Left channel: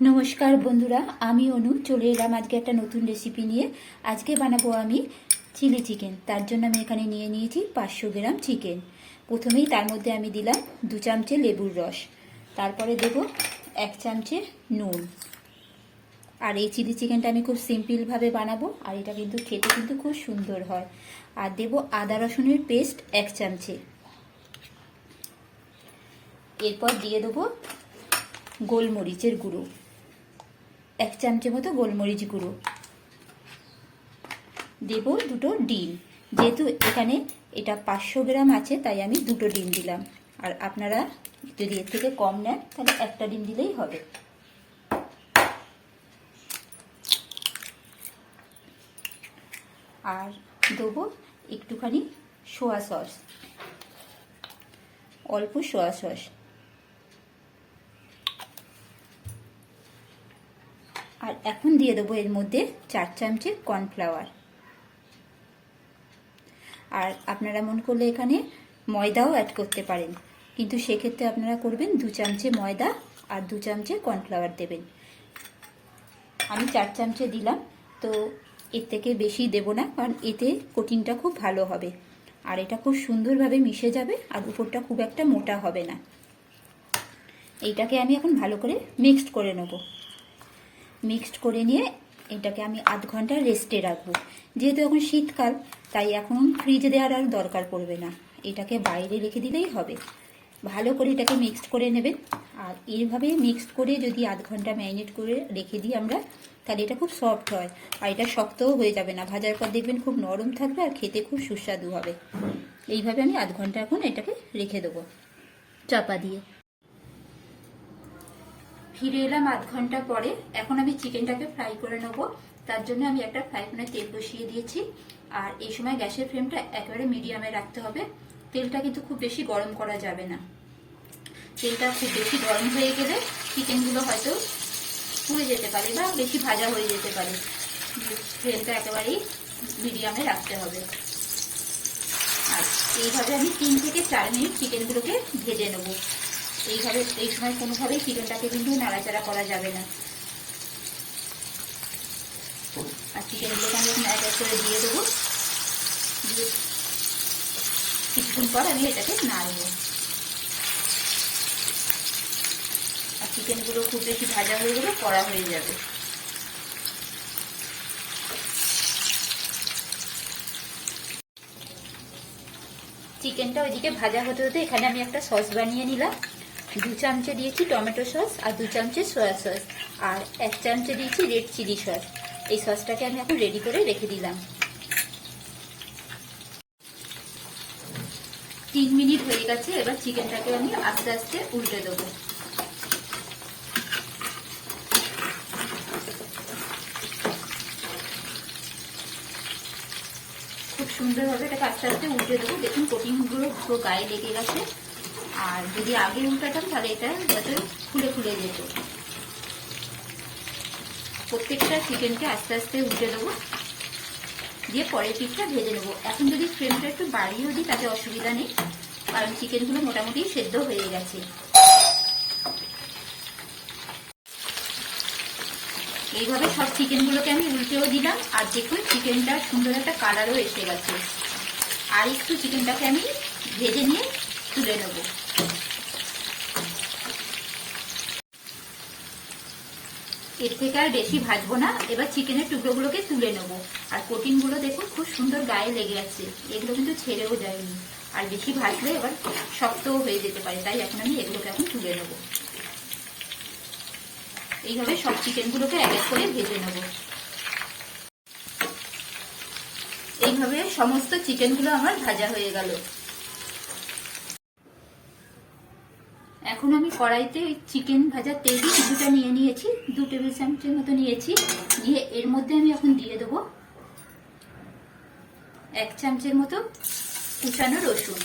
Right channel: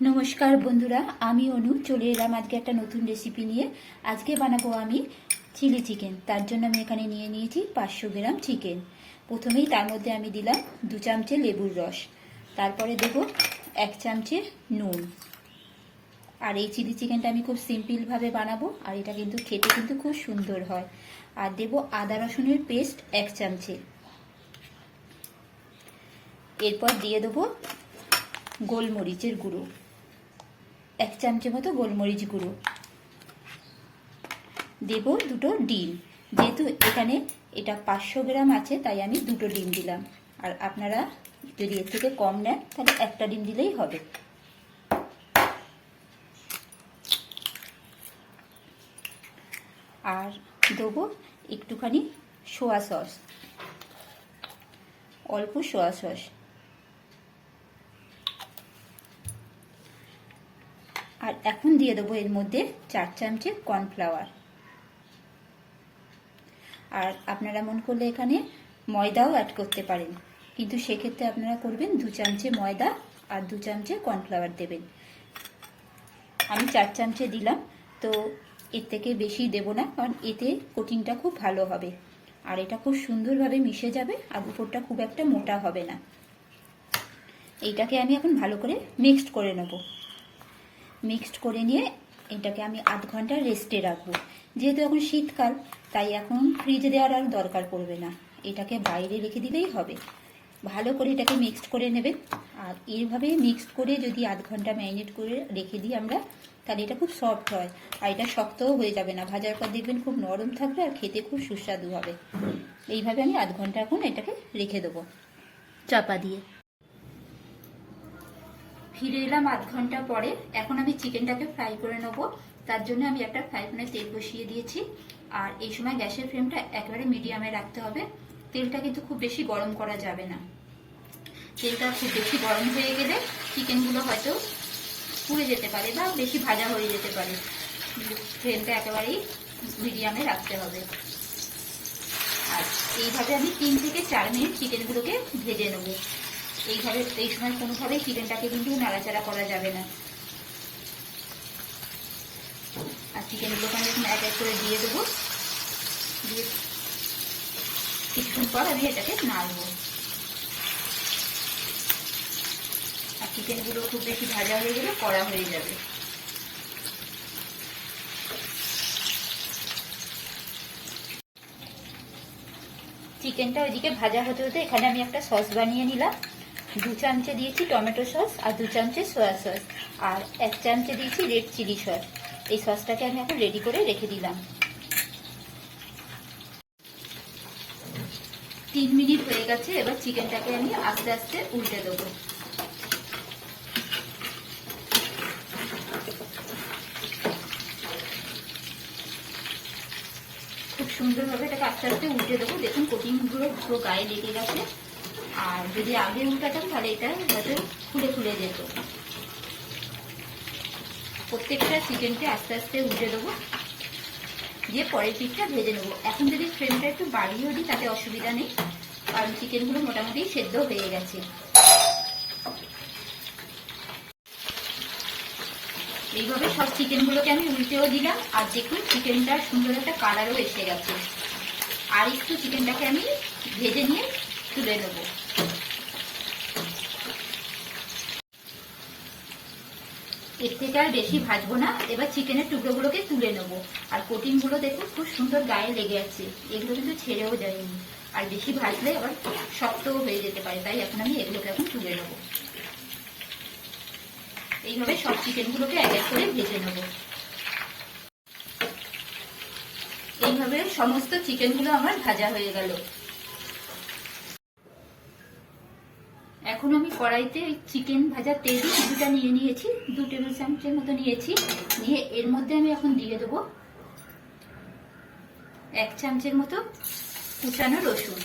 নমস্কার বন্ধুরা, আমি অনু চলে এলাম আজকে একটা নতুন রেসিপি নিয়ে। আজকে বানাবো আমি চিলি চিকেন। তার জন্য আমি এখানে নিয়ে নিয়েছি 500 গ্রাম চিকেন। প্রথমেই তার মধ্যে আমি দিলাম 2 চামচে লেবুর রস, তারপরে দেব 1 চামচে নুন। আর এই চিলি চিকেনটা আমি খুব সিম্পলভাবে বানাবো, আর এটা কিন্তু খেতে কিন্তু খুব সুন্দর হয়। আর দেব আদা রসুনের পেস্ট 1 চামচে। এরপর দিয়ে দেবো গোলমরিচের গুঁড়ো 1 চামচের মতো গোলমরিচ গুঁড়ো। দেব 2টো ডিম, যেহেতু এখানে এটা 500 গ্রাম আছে তাই আমি 2টো ডিম দিলাম। আর আপনারা যদি এর থেকে কম নেন তাহলে একটা ডিম দিলেই হবে। আর দেবো একটুখানি সোয়া সস, অল্প সোয়া সস। আর এখন দিয়ে দেবো এর মধ্যে 4 চামচে কর্নফ্লাওয়ার। আর আপনারা মন করলে এখানে ময়দাও অ্যাড করতে পারেন, কিন্তু সেক্ষেত্রে আপনারা করবেন 2 চামচে ময়দা আর 2 চামচে কর্নফ্লাওয়ার দেবেন। আমি 4 চামচে দিলাম, তো এর থেকে বেশি দেব না, কারণ এতে কোটিংটা খুব ভালো হবে আর এটা খুব সুন্দরভাবে মিশে যাবে আর উপরটা খুব একটা মোটা হবে না। এইটাকে আমি এখন ভালো করে মিক্সড করে নেব। মিক্সড করে নিয়ে এটাকে আমি আধ ঘন্টা রেস্টে রাখবো। যেহেতু এখন শীতকাল তাই এখন ফ্রিজে দেওয়ার আর দরকার পড়বে না, এটাকে বাইরে রেখে দিলেই হবে। ভালো করে এটাকে মিক্সড করে নেবেন। আর এইভাবে মিক্সড করে যদি আধ ঘন্টা ম্যারিনেট করে রেখে দিই আমরা, তাহলে এটা খুব সফট হয় আর এটা শক্তও হয়ে যাবে না। ভাজার পর দেখবেন খুব নরম থাকবে আর খেতে খুব সুস্বাদু হবে। এইভাবে আমি আধ ঘন্টা এখন এটাকে রেখে দেবো চাপা দিয়ে। ফিরে এলাম আধ ঘন্টা পরে। এখন আমি চিকেনটাকে ফ্রাই করে নেবো। তার জন্য আমি একটা ফ্রাই প্যানে তেল বসিয়ে দিয়েছি। আর এই সময় গ্যাসের ফ্লেমটা একেবারে মিডিয়ামে রাখতে হবে। তেলটা কিন্তু খুব বেশি গরম করা যাবে না। তেলটা খুব বেশি গরম হয়ে গেলে চিকেনগুলো হয়তো পুড়ে যেতে পারে বা বেশি ভাজা হয়ে যেতে পারে। ফ্লেমটা একেবারেই মিডিয়ামে রাখতে হবে। আর এইভাবে আমি 3 থেকে 4 মিনিট চিকেনগুলোকে ভেজে নেবো। এইভাবে এই সময় কোনোভাবেই চিকেনটাকে কিন্তু নাড়াচাড়া করা যাবে না। আর চিকেনগুলোকে আমি এখন এক এক করে দিয়ে দেবো। দিয়ে কিছুক্ষণ পর আমি এটাকে নাড়বো। আর চিকেনগুলো খুব বেশি ভাজা হয়ে গেলে কড়া হয়ে যাবে। চিকেনটা ওইদিকে ভাজা হতে হতে এখানে আমি একটা সস বানিয়ে নিলাম। 2 চামচে দিয়েছি টমেটো সস আর 2 চামচে সয়া সস আর 1 চামচে দিয়েছি রেড চিলি সস। এই সসটাকে আমি এখন রেডি করে রেখে দিলাম। 3 মিনিট হয়ে গেছে। এবার চিকেনটাকে আমি আস্তে আস্তে উল্টে দেবো। খুব সুন্দরভাবে এটাকে আস্তে আস্তে উল্টে দেবো। দেখুন কোটিংগুলো পুরো গায়ে লেগে গেছে। আর যদি আগে উল্টাতাম তাহলে এটা যাতে ফুলে ফুলে যেত। প্রত্যেকটা চিকেনকে আস্তে আস্তে উল্টে দেবো, দিয়ে পরের পিঠটা ভেজে নেবো। এখন যদি ফ্লেমটা একটু বাড়িয়েও দিই তাতে অসুবিধা নেই, কারণ চিকেনগুলো মোটামুটি সেদ্ধ হয়ে গেছে। এইভাবে সব চিকেনগুলোকে আমি উল্টেও দিলাম। আর দেখুন চিকেনটা সুন্দর একটা কালারও এসে গেছে। আর একটু চিকেনটাকে আমি ভেজে নিয়ে তুলে নেবো। এর থেকে আর বেশি ভাজবো না। এবার চিকেনের টুকরোগুলোকে তুলে নেবো। আর কোটিংগুলো দেখুন খুব সুন্দর গায়ে লেগে আছে, এগুলো কিন্তু ছেড়েও দেয়নি। আর বেশি ভাজলে এবার শক্তও হয়ে যেতে পারে, তাই এখন আমি এগুলোকে এখন তুলে নেবো। এইভাবে সব চিকেনগুলোকে এক এক করে ভেজে নেবো। এইভাবে সমস্ত চিকেনগুলো আমার ভাজা হয়ে গেল। এখন আমি কড়াইতে চিকেন ভাজার তেল কিছুটা নিয়ে নিয়েছি, 2 টেবিল চামচের মতো নিয়েছি। নিয়ে এর মধ্যে আমি এখন দিয়ে দেবো 1 চামচের মতো কুচানো রসুন।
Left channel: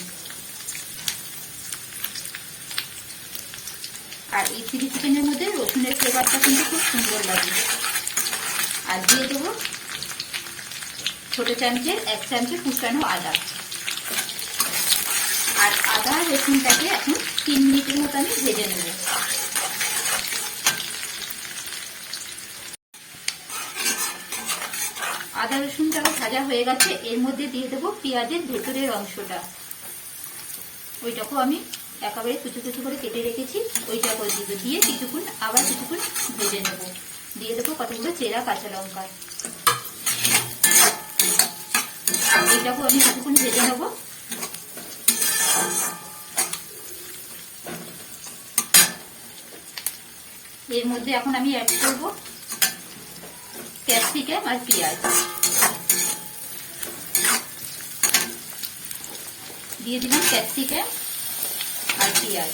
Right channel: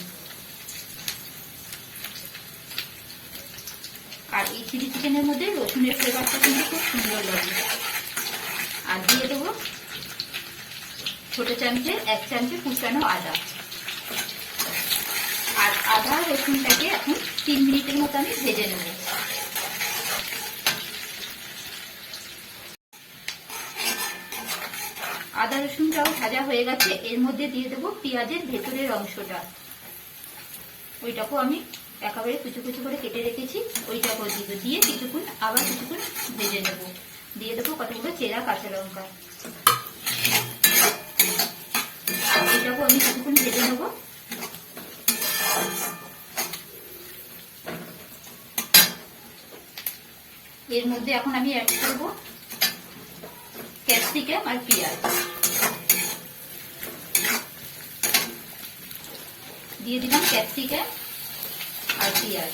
আর এই চিলি চিকেনের মধ্যে রসুনের ফ্লেভারটা কিন্তু খুব সুন্দর লাগে। আর দিয়ে দেবো ছোট চামচের 1 চামচে কুচানো আদা। আর আদা রসুনটাকে এখন 3 মিনিটের মতো আমি ভেজে নেব। আদা রসুনটাও ভাজা হয়ে গেছে, এর মধ্যে দিয়ে দেবো পেঁয়াজের ভেতরের অংশটা। ওইটাকেও আমি একেবারে কুচু কুচু করে কেটে রেখেছি, ওইটাকেও দিয়ে কিছুক্ষণ আবার কিছুক্ষণ ভেজে নেব। দিয়ে দেবো কতগুলো চেরা কাঁচা লঙ্কা, এইটাকেও আমি কিছুক্ষণ ভেজে নেব। এর মধ্যে এখন আমি অ্যাড করবো ক্যাপসিকাম আর পেঁয়াজ, দিয়ে দিলাম ক্যাপসিকাম আর পেঁয়াজ।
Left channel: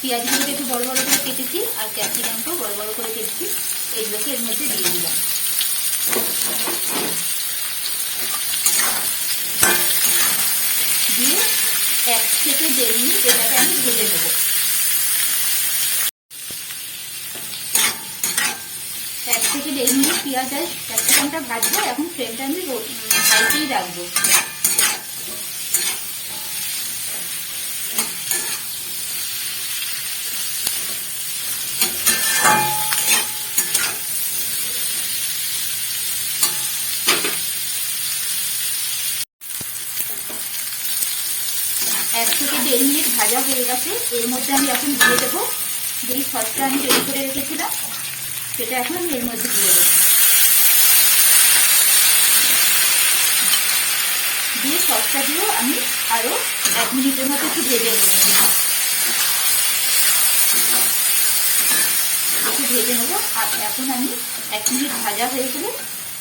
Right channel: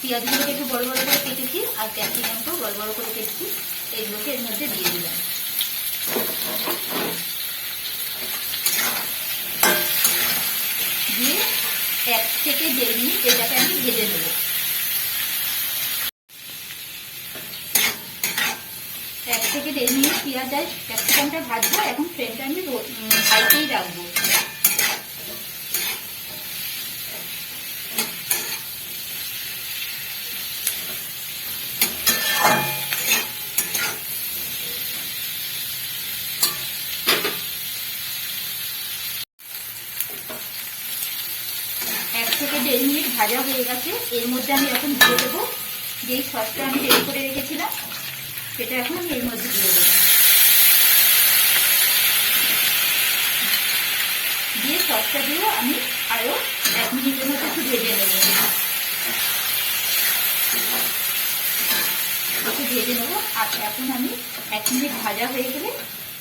পেঁয়াজগুলোকে একটু বড় বড় করে কেটেছি আর ক্যাপসিকামটাও বড় বড় করে কেটেছি, এগুলোকে এর মধ্যে দিয়ে দিলাম। দিয়ে 1 থেকে 1.5 মিনিট এটাকে আমি ভেজে নেব। 1 থেকে 1.5 মিনিট পেঁয়াজ আর ক্যাপসিকামটা ভাজবো। এখন ফ্লেমটা আমি হাইতেই রাখবো। এক থেকে 1.5 মিনিট ভাজা হয়ে গেছে, এর মধ্যে আমি এখন দিয়ে দেবো যেই সসটা আমি রেডি করে রেখেছিলাম, সেটা এখন আমি এর মধ্যে দিয়ে দেবো। দিয়ে সসটা দিয়েও আমি আরো 1 মিনিটের মতো একটু ভেজে নেব। আর এখন আমি 1 মিনিট ভাজা হয়ে গেলে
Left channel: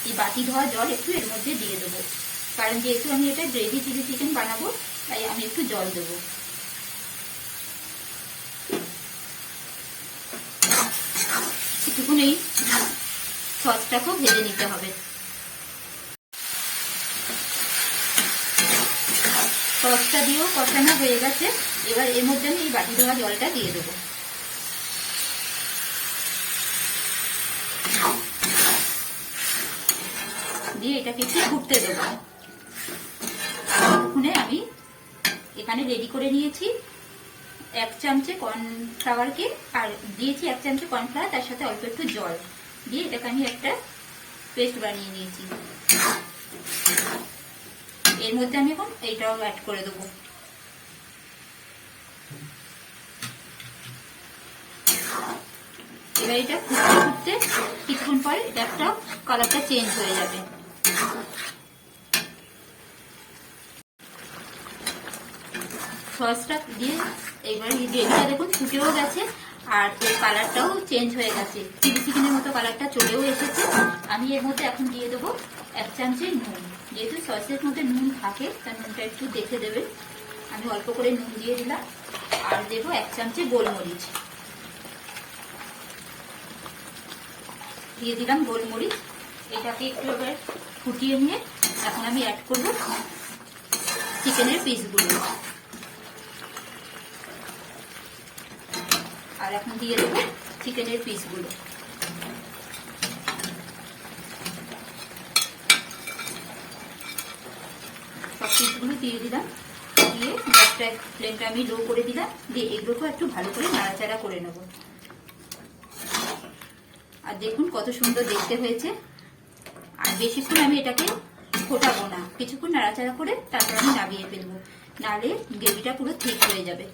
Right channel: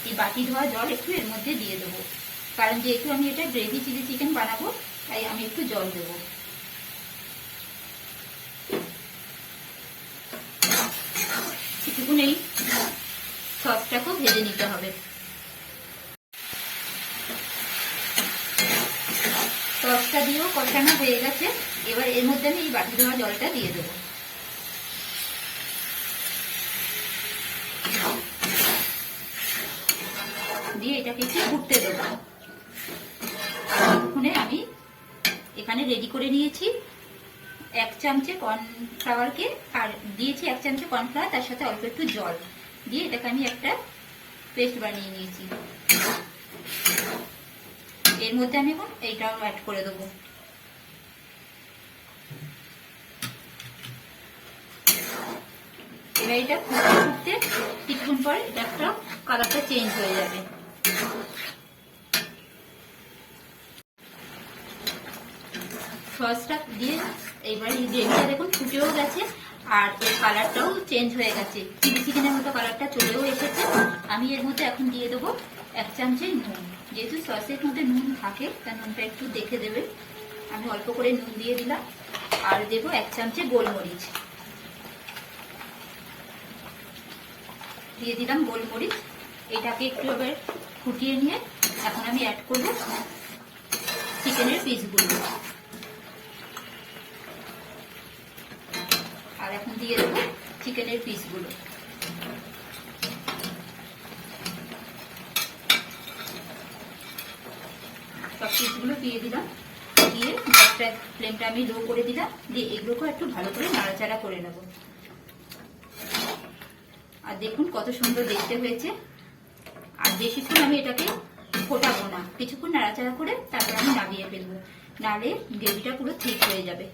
এই বাটি ধোয়া জল একটু এর মধ্যে দিয়ে দেবো, কারণ যেহেতু আমি এটা গ্রেভি চিলি চিকেন বানাবো তাই আমি একটু জল দেবো। কিছুক্ষণ এই সসটাকেও ভেজে নিতে হবে। সসটা দিয়েও কষানো হয়ে গেছে, এবার এর মধ্যে আমি এই বাটি ধোয়া জলটা দিয়ে দেবো। দিয়ে এটাকে একটু ফুটতে দেবো। আমি এখানে রেডি করে নিয়েছি 1 চামচে কর্নফ্লাওয়ারকে, আর দিয়েছি 1 চামচে কর্নফ্লাওয়ার, তার সাথে অল্প একটু জল দিয়ে এটাকে আমি একটা পেস্ট বানিয়ে নিয়েছি। এর মধ্যে আমি এখন এইটাও অ্যাড করে দেবো। এবার এটা ফুটতে কিছুক্ষণ পর এটা একটা কালারটা চেঞ্জ হয়ে যাবে। সসটা দিয়ে এইবার এই গ্রেভিটা দেখুন ফুটেও গেছে আর এর কালারটাও চেঞ্জ হয়ে গেছে, চিলি চিকেনের মতো কালারটা চলেও এসেছে। আমি এর মধ্যে এখন দিয়ে দেবো 1 চামচে নুন, যেহেতু সসের মধ্যে নুন থাকে তার নুনটা একটু দেখে দেবে। আমি অল্প করে নুন দিয়ে দিলাম আর দেবো 1 চামচে গোলমরিচ, দিয়ে দিলাম গোলমরিচ। এটাকে একটু এবার ফুটিয়ে নিয়ে এখন আমি অ্যাড করবো চিকেনের পিসগুলো, আর এখন দিয়ে দেবো চিকেনের পিসগুলো। সব পিসগুলো দিয়ে দিলাম, দিয়ে গ্যাসটা ফ্লেমটা আমি লো করে দিলাম। দিয়ে এগুলোকে একটু ভালো করে নাড়াচাড়া করে নেব। আর দেখুন কত সুন্দর দেখতে হয়েছে। আর বেশিক্ষণ আমি এটাকে ফোটাবো না, কিছুক্ষণ নাড়াচাড়া করে তারপর আমি নামিয়ে ফেলবো, নাহলে গ্রেভিটা পুরো ঠিক হয়ে যাবে।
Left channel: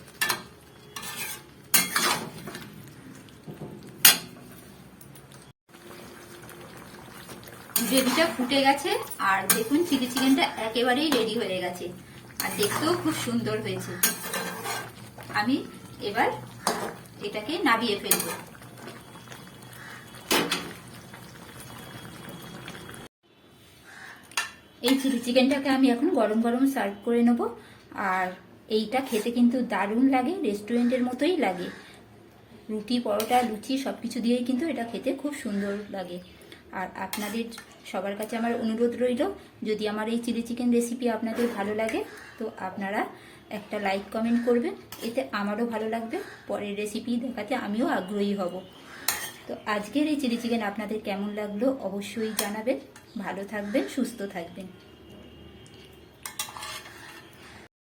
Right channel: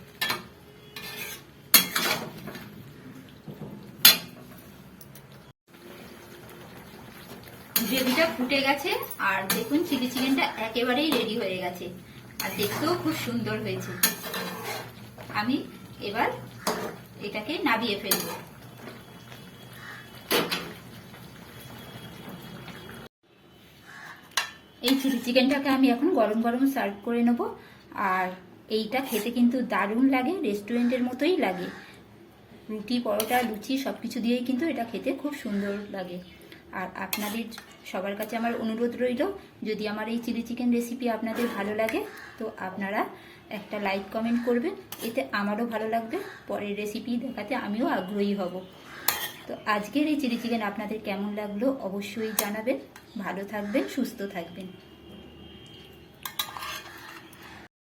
গ্রেভিটা ফুটে গেছে আর দেখুন চিলি চিকেনটা একেবারেই রেডি হয়ে গেছে আর দেখতেও খুব সুন্দর হয়েছে। আমি এবার এটাকে নামিয়ে ফেলবো। এই চিলি চিকেনটাকে আমি এখন গরম গরম সার্ভ করে নেব। আর এইটা খেতে কিন্তু দারুণ লাগে, রেস্টুরেন্টের মতোই লাগে। রুটি, পরোটা, লুচি সবকিছু দিয়েই কিন্তু এটা খেতে খুব সুন্দর লাগে। আর আপনাদের সবার কাছে আমার অনুরোধ রইল, যদি আমার এই চিলি চিকেন রেসিপি আপনাদের ভালো লাগে তো আপনারা একটা লাইক কমেন্ট করবেন, এতে আমারও ভালো লাগবে, পরের রেসিপি দেখাতে আমিও আগ্রহী হব। তো আজকের এই চিলি চিকেন আপনাদের কেমন লাগলো অবশ্যই জানাবেন। ভালো থাকবেন, সুস্থ থাকবেন।